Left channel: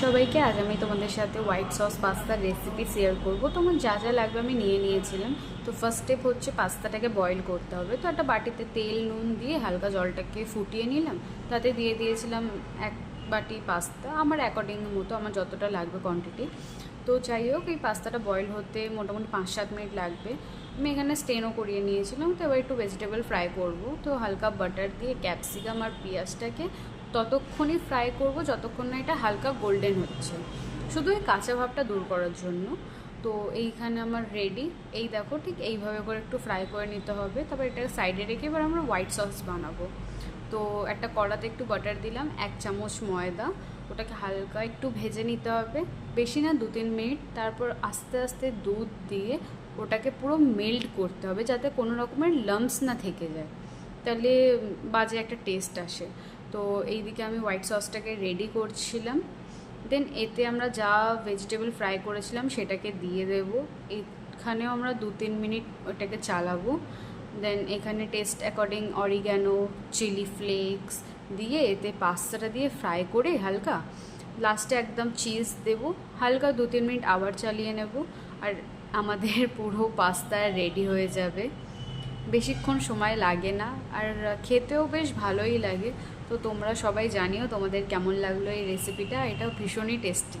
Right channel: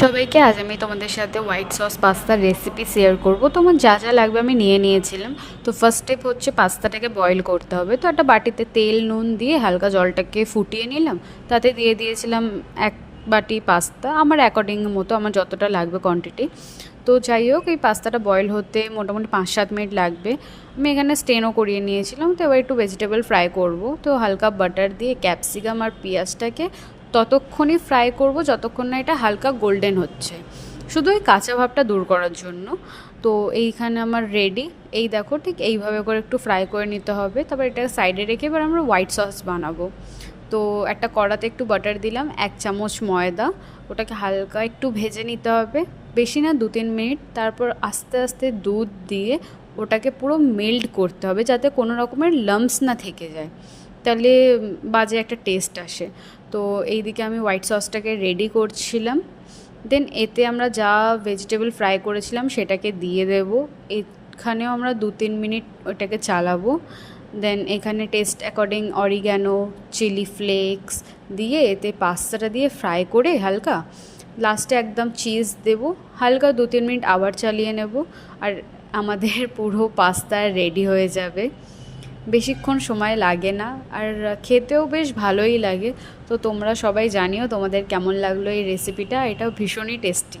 সবাইকে আজ আমি তোমাদের সাথে হোয়াইট সস পাস্তার রেসিপি শেয়ার করব। তোমার যা যা লাগবে আমি নিয়ে নিয়েছিলাম। তো ফার্স্ট স্টেপ হচ্ছে পাস্তাটাকে বয়েল করতে হবে। তো একটা বাটিতে তেল নুন দিয়ে হালকা জলটাকে ফুটিয়ে নিলাম। তাতে দিয়ে দিয়েছিলাম 1 বাটি পাস্তা, আমার অ্যাকর্ডিং মতো, আমার যতটা লাগবে কোয়ান্টিটি। তো যাই হোক, এই পাস্তাটা বয়েল হতে মোটামুটি 5-7 মিনিট লাগবে। আমি এখানে স্টেনও করিয়ে নিয়েছিলাম। তো এবার একটু ভেজিটেবল ফ্রাই করব। তো হালকা বাটার দিয়ে ক্যাপসিকাম আর পেঁয়াজটাকে ততক্ষণই ফ্রাই করব যতক্ষণ না এটা হালকা গোল্ডেন হচ্ছে, শুধু এই কাঁচা ভাবটা দূর করার জন্য। তো এইখানে আমার রেডি। এই দেখো, ঠিক এইভাবে করে একটু ফ্রাই করে নিতে হবে। তারপর এটা সাইডে রেখে এবার আমরা হোয়াইট সস বানাবো। তো একটা কড়াতে একটু বাটার দিলাম, 1 চামচ ময়দা, ওটাকে হালকা একটু ভেজে নিতে হবে, বেশি না 2-3 মিনিট। তারপর আস্তে আস্তে দুধ দিয়ে ওটাকে পুরো মেল্ট করতে হবে, যাতে কোনো রকমের লাম্পস না থেকে যায়, তাহলে বাজে একটা টেস্ট আসে। তো এইদিকে আমি হোয়াইট সসটাকে রেডি করছিলাম। দেন এতে আমরা যা ভেজিটেবল ফ্রাই করেছিলাম সেটাকে দিয়ে দেব। এখানেও আমরা 2-3 মিনিট ওটাকে চালাবো। দেন এখানে taste according oregano, chilli flakes দিয়ে এতে পাস্তাটা দিয়ে ফ্রাই করে হালকা লাস্টে একদম চিজ দেব। হালকা 2-3 মিনিট আবার চালিয়ে নেব, আর আমাদের পুরো পাস্তা রেডি হয়ে যাবে। বেশিক্ষণ সময় লাগে না, আর খেতেও বেশ ভালোই লাগে। তো তোমরা সবাই জানিও তোমাদের কেমন লাগলো এই রেসিপিটা, এটাও ভীষণই টেস্টি।